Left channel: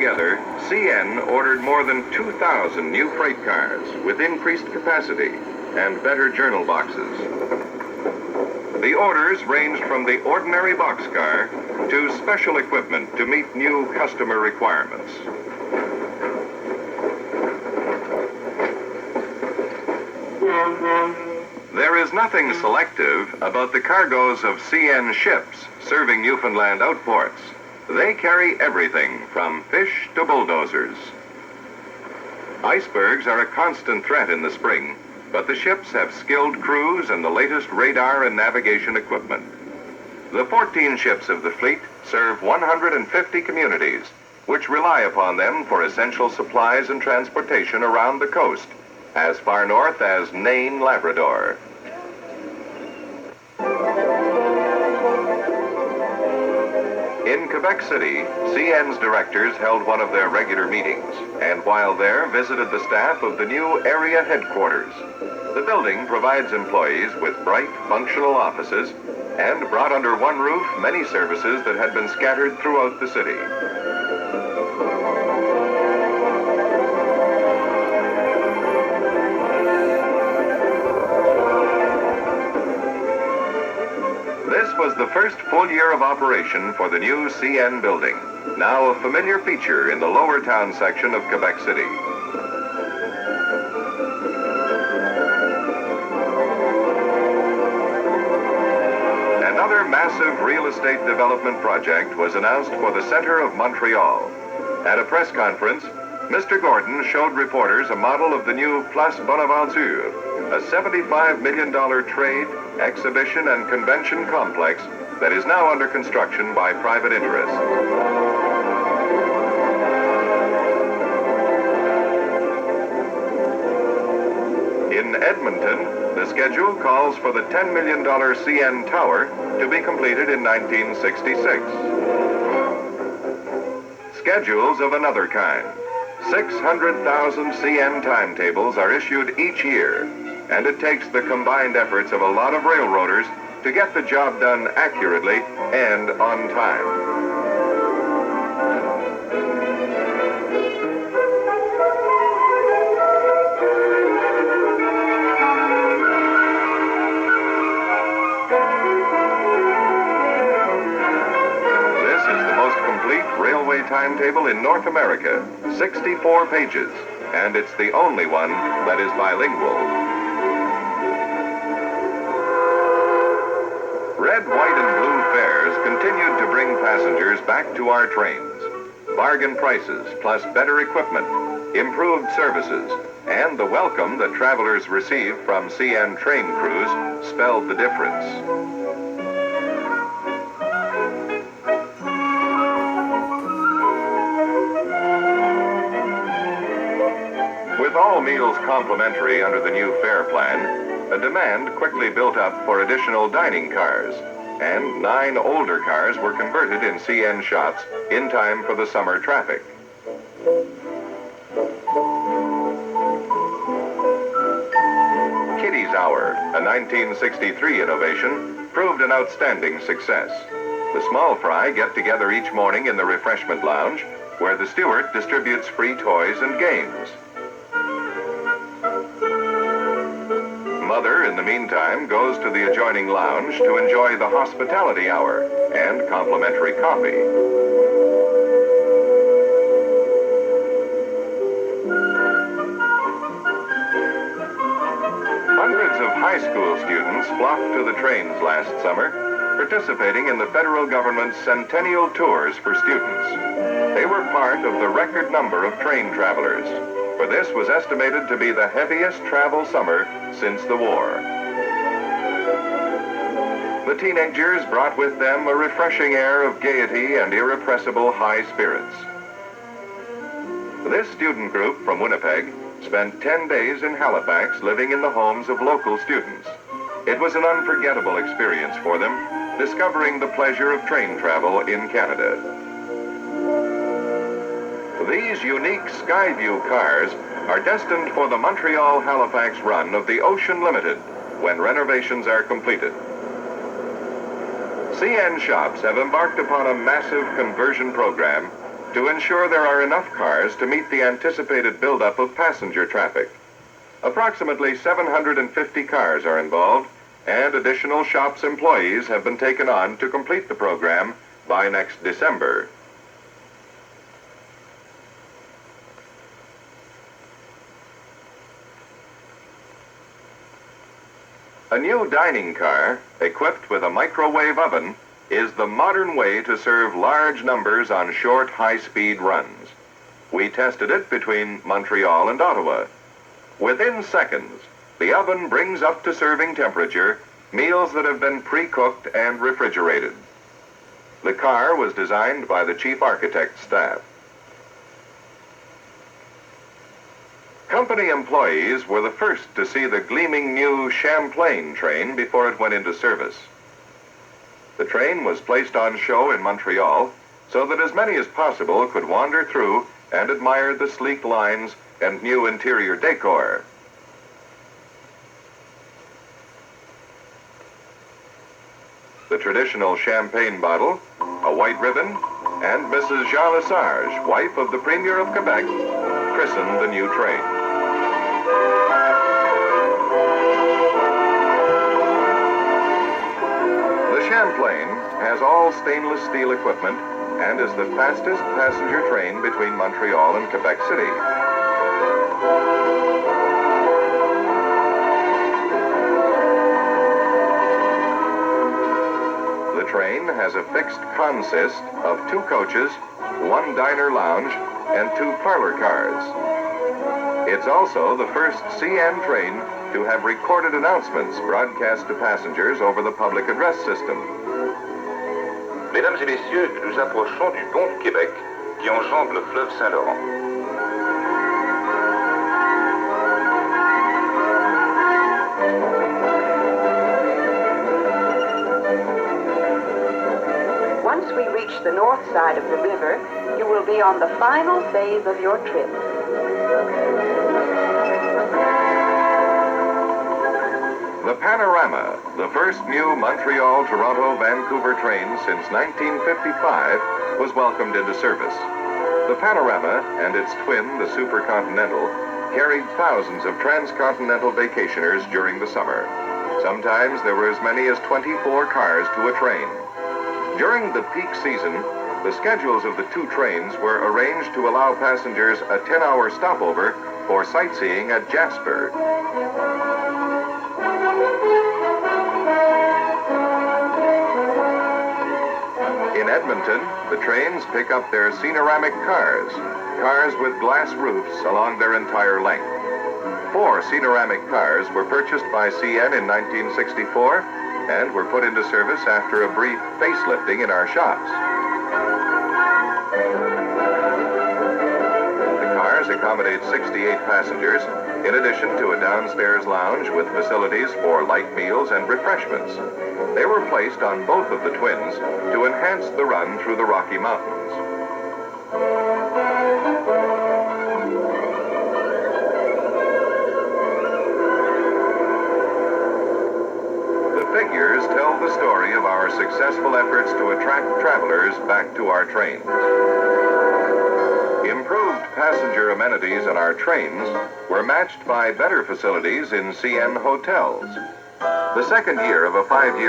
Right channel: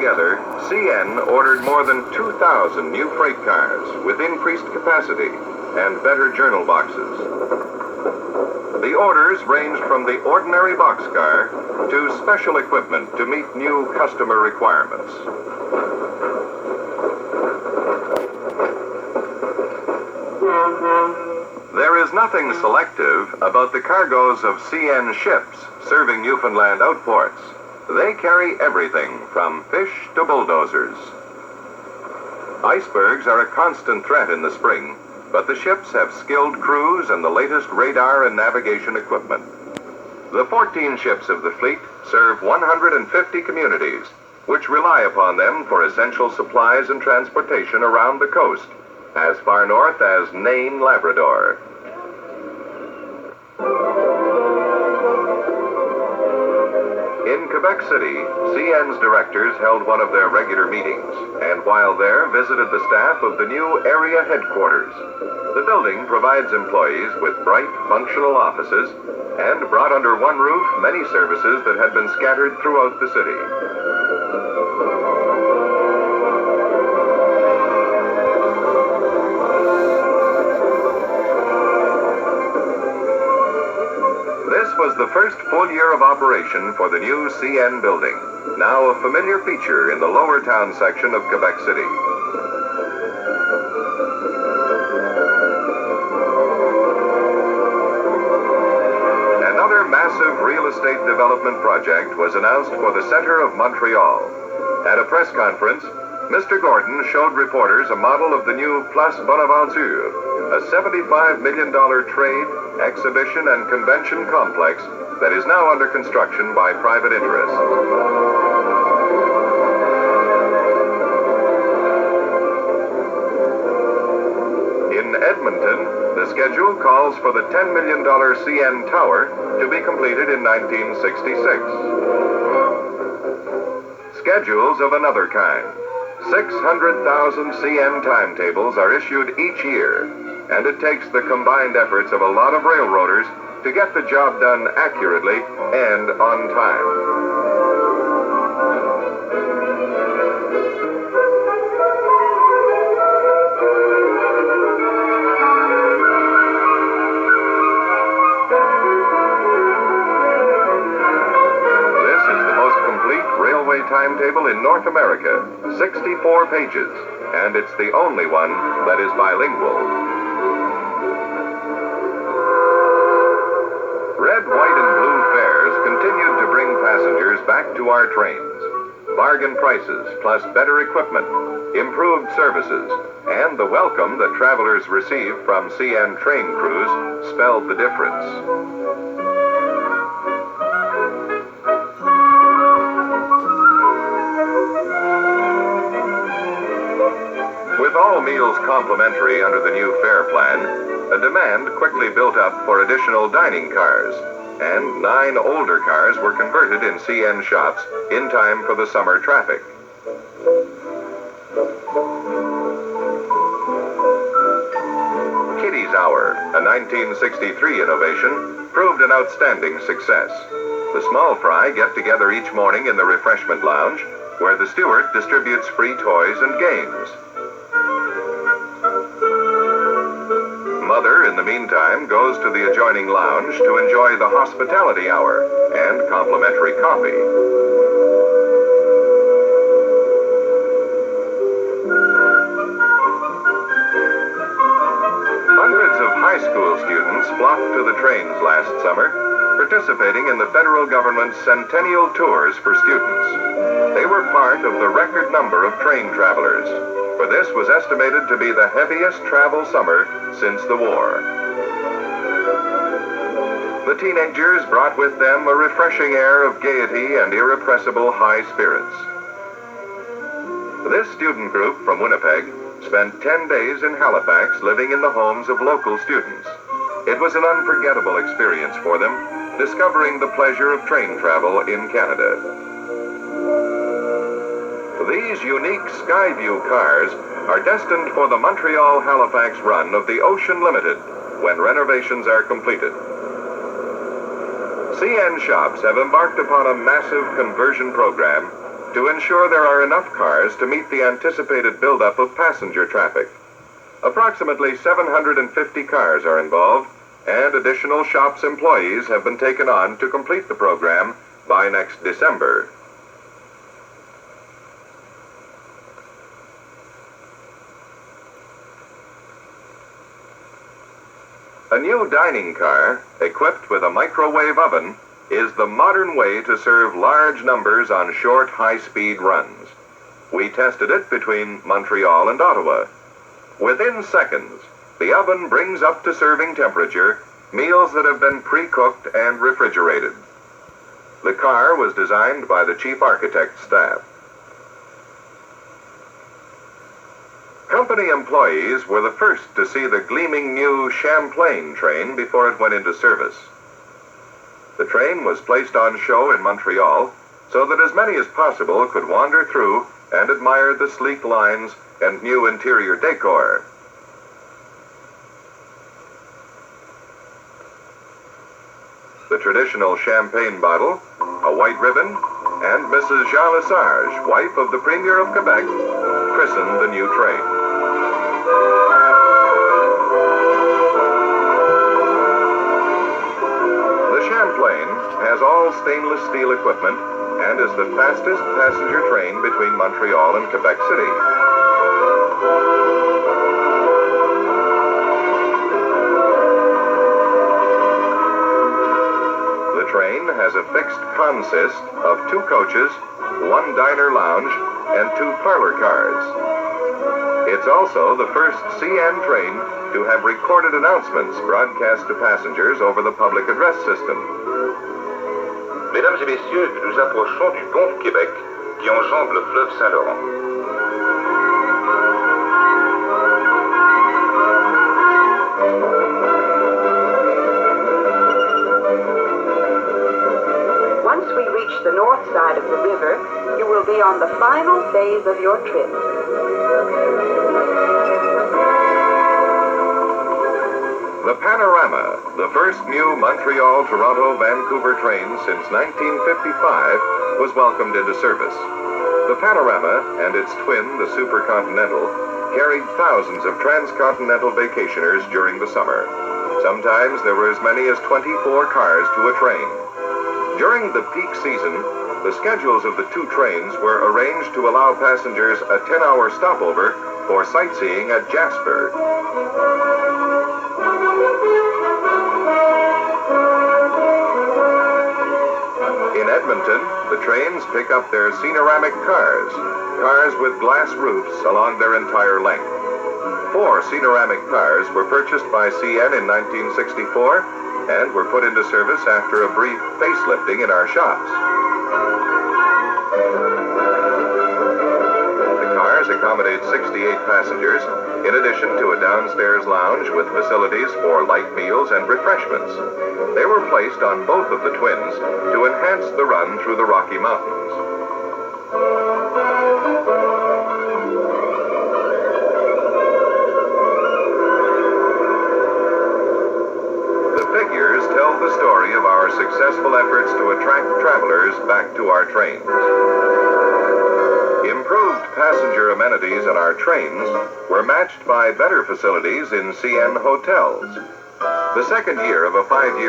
Altogether, CN ordered more than 2,000 new freight cars with increased capacity and better journal boxes. The orders ranged from the ordinary boxcar to special equipment to meet new customer requirements. There is nothing selective about the cargoes of CN ships serving Newfoundland outports. They carry everything from fish to bulldozers. Icebergs are a constant threat in the spring, but the ships have skilled crews and the latest radar and navigation equipment. The 14 ships of the fleet serve 150 communities, which rely upon them for essential supplies and transportation around the coast, as far north as Nain, Labrador. In Quebec City, CN's directors held one of their regular meetings, and while there visited the staff of the new area headquarters. The building provides employees with bright, functional offices and brought under one roof many services that had been scattered throughout the city. This was the first full year of operation for the new CN building, now a familiar feature in the lower town section of Quebec City. Another massive real estate development project was announced for the center of Montreal. At a press conference, Mr. Gordon showed reporters a model of the new Place Bonaventure, a $75 million trade, exhibition, and convention complex that is now under construction by private interests. In Edmonton, the schedule calls for the $10 million CN Tower to be completed in 1966. Schedules of another kind. 600,000 CN timetables are issued each year, and it takes the combined efforts of a lot of railroaders to get the job done accurately and on time. Railway timetable in North America, 64 pages, and it's the only one that is bilingual. Red, white, and blue fares continued to bring passengers back to our trains. Bargain prices, plus better equipment, improved services, and the welcome that travelers received from CN train crews spelled the difference. With all meals complimentary under the new fare plan, a demand quickly built up for additional dining cars, and 9 older cars were converted in CN shops in time for the summer traffic. Kitty's Hour, a 1963 innovation, proved an outstanding success. The small fry get together each morning in the refreshment lounge, where the steward distributes free toys and games. Mother, in the meantime, goes to the adjoining lounge to enjoy the hospitality hour and complimentary coffee. Hundreds of high school students flocked to the trains last summer, participating in the federal government's Centennial Tours for students. They were part of the record number of train travelers, for this was estimated to be the heaviest travel summer since the war. The teenagers brought with them a refreshing air of gaiety and irrepressible high spirits. This student group from Winnipeg spent 10 days in Halifax living in the homes of local students. It was an unforgettable experience for them, discovering the pleasure of train travel in Canada. These unique Skyview cars are destined for the Montreal-Halifax run of the Ocean Limited when renovations are completed. CN shops have embarked upon a massive conversion program to ensure there are enough cars to meet the anticipated buildup of passenger traffic. Approximately 750 cars are involved, and additional shops employees have been taken on to complete the program by next December. A new dining car, equipped with a microwave oven, is the modern way to serve large numbers on short, high-speed runs. We tested it between Montreal and Ottawa. Within seconds, the oven brings up to serving temperature meals that have been pre-cooked and refrigerated. The car was designed by the chief architect's staff. Company employees were the first to see the gleaming new Champlain train before it went into service. The train was placed on show in Montreal so that as many as possible could wander through and admire the sleek lines and new interior decor. The traditional champagne bottle, a white ribbon, and Mrs. Jean Lesage, wife of the Premier of Quebec, christened the new train. The Champlain has all stainless steel equipment and is the fastest passenger train between Montreal and Quebec City. The train has a fixed consist of 2 coaches, 1 diner lounge, and 2 parlor cars. It's also the first CN train to have recorded announcements broadcast to passengers over the public address system. Mesdames et messieurs, nous approchons du pont du Québec qui enjambe le fleuve Saint-Laurent. Once we reach the north side of the river, you will be on the final phase of your trip. The Panorama, the first new Montreal-Toronto-Vancouver train since 1955, was welcomed into service. The Panorama and its twin, the Super Continental, carried thousands of transcontinental vacationers during the summer. Sometimes there were as many as 24 cars to a train. During the peak season, the schedules of the 2 trains were arranged to allow passengers a 10-hour stopover for sightseeing at Jasper. In Edmonton, the trains pick up their Panoramic cars with glass roofs along their entire length. 4 Panoramic cars were purchased by CN in 1964 and were put into service after a brief facelifting in our shops. The cars accommodate 68 passengers, in addition to a downstairs lounge with facilities for light meals and refreshments. They were placed on both of the twins to enhance the run through the Rocky Mountains. The figures tell the story of our successful efforts to attract travelers back to our trains. Improved passenger amenities on our trains were matched by better facilities in CN hotels. The second year of a 5-year